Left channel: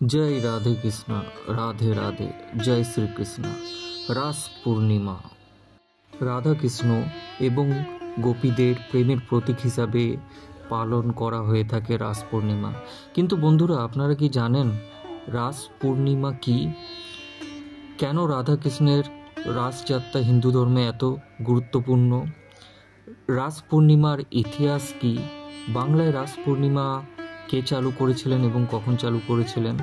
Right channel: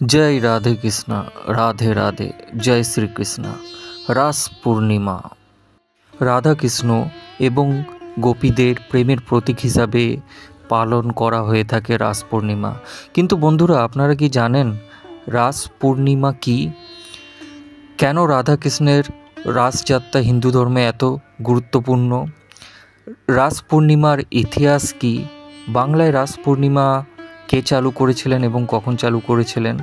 जय राधे कृष्ण राधे राधे जय श्री कृष्ण। রাস পূর্ণিমা রাধা কৃষ্ণ এবং গোপীদের প্রেমের প্রতীক হিসাবে পালন করা হয়ে থাকে রাস পূর্ণিমা। কিন্তু বন্ধুরা, আপনারা কি জানেন রাস পূর্ণিমা কি? কেন রাধা কৃষ্ণের রাসযাত্রা হিন্দু ধর্মে এত গুরুত্বপূর্ণ? রাস পূর্ণিমার ইতিহাস কি? বাংলায় রাস পূর্ণিমা কে চালু করেছিলেন এবং কখন চালু করেছিলেন?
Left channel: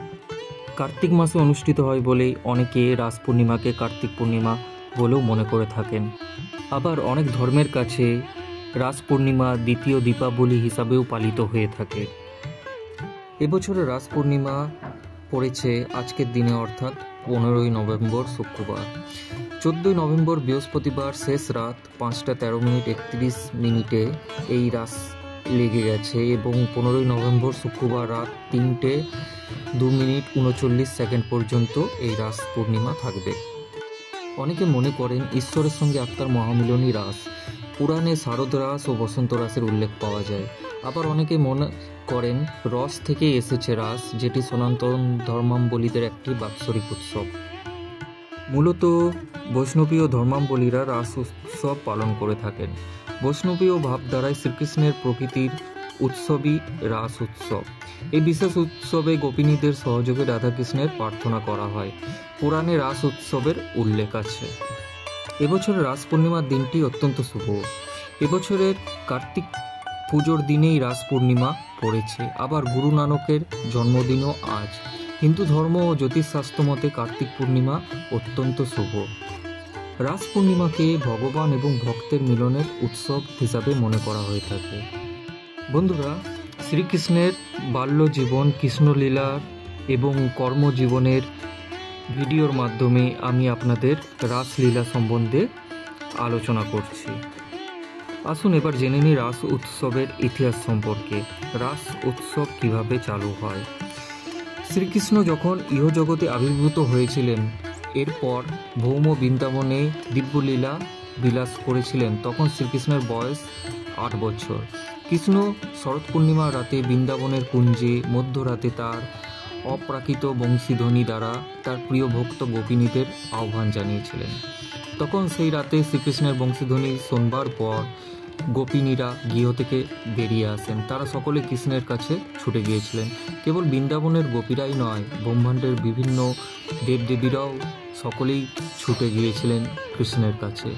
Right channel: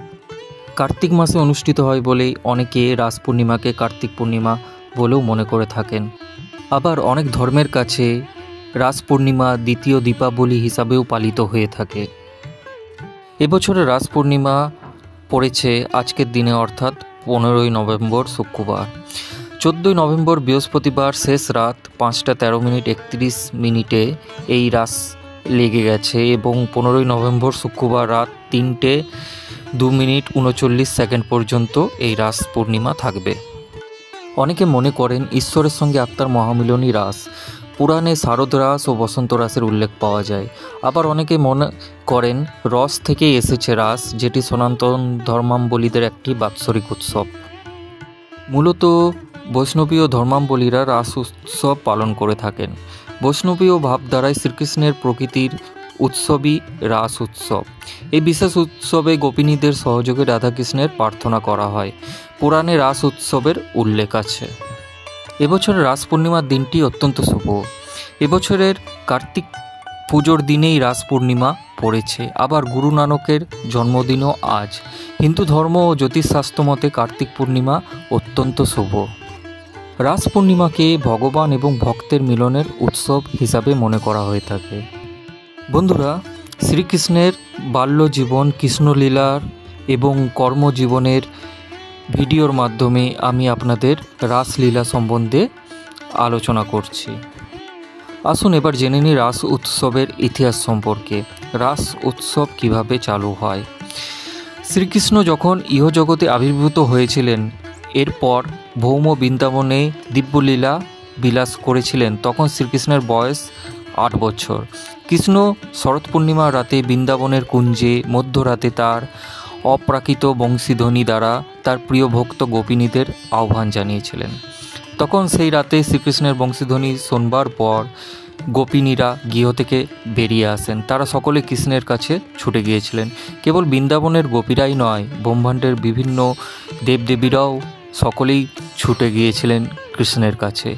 কার্তিক মাসে অনুষ্ঠিত হয় বলেই অনেকে রাস পূর্ণিমাকে কার্তিক পূর্ণিমা বলেও মনে করে থাকেন। আবার অনেক ধর্মের কাছে রাস পূর্ণিমা দ্বিতীয় দীপাবলি হিসাবেও পালিত হয়ে থাকে। এবছরের রাস পূর্ণিমা পড়েছে আজকের দিনে, অর্থাৎ 15ই নভেম্বর শুক্রবার। 14ই নভেম্বর বৃহস্পতিবার শেষ রাত 5টা 13 মিনিট 31 মিনিটে এই রাস লেগে গেছে এবং 15ই নভেম্বর শুক্রবার রাত 3টে 2 মিনিট 39 সেকেন্ড পর্যন্ত এই রাস পূর্ণিমা থাকবে। অনেকে মনে করেন ঈশ্বরের সঙ্গে আত্মার মহামিলনী রাস। পুরাণে শারদ রাস ও বসন্ত রাসের উল্লেখ পাওয়া যায়। আবার অনেকে মনে করেন রস থেকে এসেছে রাস, যেটি সনাতন ধর্মাবলম্বীদের একটি বাৎসরিক উৎসব। মূলত বৈষ্ণবীয় ধর্মাবলম্বীরা রাস উৎসব পালন করে থাকেন। বৈষ্ণবীয় ভাবধারায় শ্রীকৃষ্ণের প্রকৃতির উৎসবই রাস উৎসব। এই বিশেষ উৎসবে গোপিনীদের সহযোগে রাধাকৃষ্ণের প্রার্থনা করা হয়। পুরাণে রাস উৎসবের উল্লেখ আছে। এবছরের রাস পূর্ণিমার দিনটি অত্যন্ত শুভ। এবছরের কার্তিক পুজোর দিনেই রাস পূর্ণিমা পড়েছে। আবার গুরু নানকের জন্মদিনও আজ। হিন্দু ধর্ম ও জ্যোতিষশাস্ত্র মতে কার্তিক পূর্ণিমা অত্যন্ত শুভ। রাস পূর্ণিমাকে ভগবান এবং ভক্তের মিলনের উৎসব হিসাবে মনে করা হয়ে থাকে। বন্ধুরা, শ্রীকৃষ্ণের বাল্যজীবন, কৃষ্ণলীলার এবং কর্মজীবনের ভিডিওর মাধ্যমে আমি আপনাদের রাসলীলা সম্বন্ধে আলোচনা করছি। আসুন এবার জেনে নিই রাস উৎসবের ইতিহাস সম্পর্কে। রাস উৎসব কিভাবে চালু হয়? শ্রীকৃষ্ণ যখন ইহজগতে আবির্ভূত হয়েছিলেন, এরপর ভৌম বৃন্দাবনে দিব্যলীলা বিলাস করেছিলেন, তখন শ্রীকৃষ্ণের বয়স 8 বছর। কৃষ্ণ শরৎ পূর্ণিমার রাতে বৃন্দাবনের কুঞ্জে মধ্যরাতে তার অপ্রাকৃত বংশীধ্বনি দ্বারা তার প্রিয় ভক্ত গোপিনীদের আহ্বান জানিয়েছিলেন। তখন সেই রাতে শ্রীকৃষ্ণের বংশীধ্বনি শোনবার পর গোপিনীরা গৃহ থেকে বেরিয়ে আসেন। তারা সকলে কৃষ্ণের কাছে ছুটে গিয়েছিলেন। কেবল বৃন্দাবনের গোপীরাই নয়, ব্রহ্মাণ্ডের বিভিন্ন দেবদেবীরাও সকলেই ছুটে গিয়েছিলেন কৃষ্ণের কাছে।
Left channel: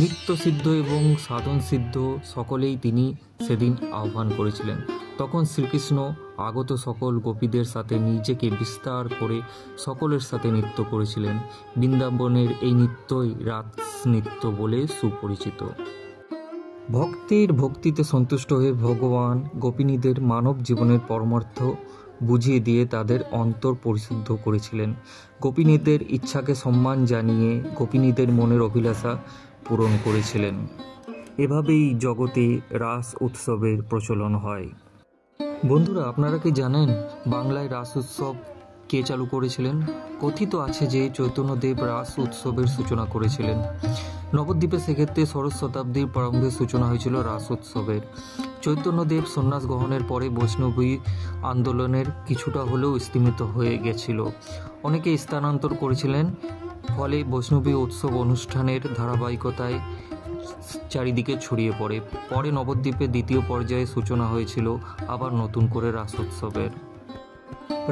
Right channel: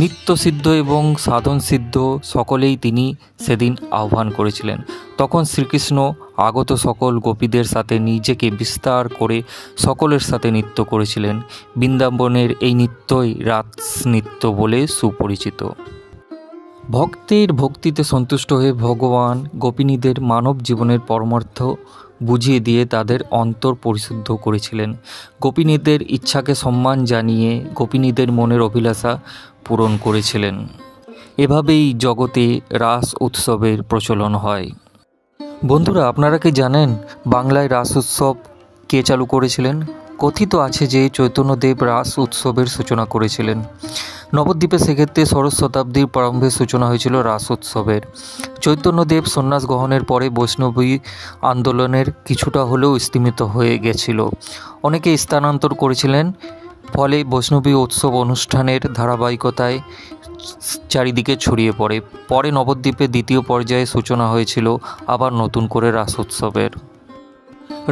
নিত্যসিদ্ধ এবং সাধনসিদ্ধ সকলেই তিনি সেদিন আহ্বান করেছিলেন। তখন শ্রীকৃষ্ণ আগত সকল গোপীদের সাথে নিজেকে বিস্তার করে সকলের সাথে নৃত্য করেছিলেন। বৃন্দাবনের এই নৃত্যই রাস নৃত্য বলে সুপরিচিত। ভক্তের ভক্তিতে সন্তুষ্ট হয়ে ভগবান গোপিনীদের মানব জীবনের পরমার্থ বুঝিয়ে দিয়ে তাদের অন্তর পরিশুদ্ধ করেছিলেন। গোপিনীদের ইচ্ছাকে সম্মান জানিয়ে গোপিনীদের মনের অভিলাষা পূরণ করেছিলেন। এভাবেই জগতে রাস উৎসবের প্রচলন হয়। বন্ধুরা, আপনারা কি জানেন বাংলায় রাস উৎসব কে চালু করেছিলেন? কথিত আছে যে চৈতন্যদেব রাস উৎসবের সূচনা করেছিলেন। নবদ্বীপে সেক্ষেত্রে ষোড়শ শতাব্দীর প্রারম্ভে সূচনা হয়েছিল রাস উৎসবের। চৈতন্যদেব সন্ন্যাস গ্রহণের পরে বৈষ্ণবী আন্দোলনের কিছুটা হলেও স্তিমিত হয়ে গেছিল। অনেকে স্থানান্তর করেছিলেন, ফলে বৈষ্ণবী উৎসব অনুষ্ঠানের ধারাবাহিকতায় চারিদিকে ছড়িয়ে পড়ে। পরে নবদ্বীপে দ্বিতীয় পর্যায়ে সূচনা হয়েছিল আবার নতুন করে রাস উৎসবের।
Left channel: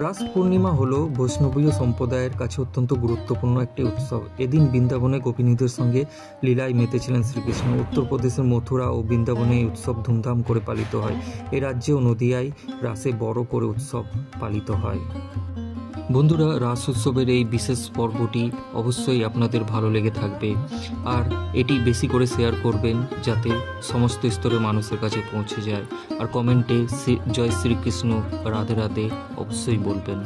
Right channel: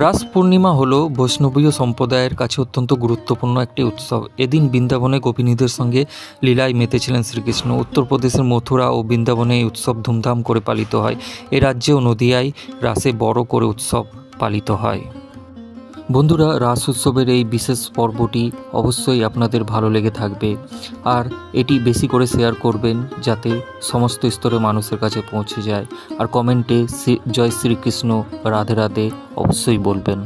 রাস পূর্ণিমা হলো বৈষ্ণবীয় সম্প্রদায়ের কাছে অত্যন্ত গুরুত্বপূর্ণ একটি উৎসব। এদিন বৃন্দাবনে গোপিনীদের সঙ্গে লীলায় মেতেছিলেন শ্রীকৃষ্ণ। উত্তরপ্রদেশের মথুরা ও বৃন্দাবনে এই উৎসব ধুমধাম করে পালিত হয়। এ রাজ্যেও নদিয়ায় রাসে বড় করে উৎসব পালিত হয়। বন্ধুরা, রাস উৎসবের এই বিশেষ পর্বটি অবশ্যই আপনাদের ভালো লেগে থাকবে, আর এটি বেশি করে শেয়ার করবেন যাতে সমস্ত স্তরের মানুষের কাছে পৌঁছে যায়। আর কমেন্টে জয় শ্রীকৃষ্ণ রাধে রাধে অবশ্যই বলবেন।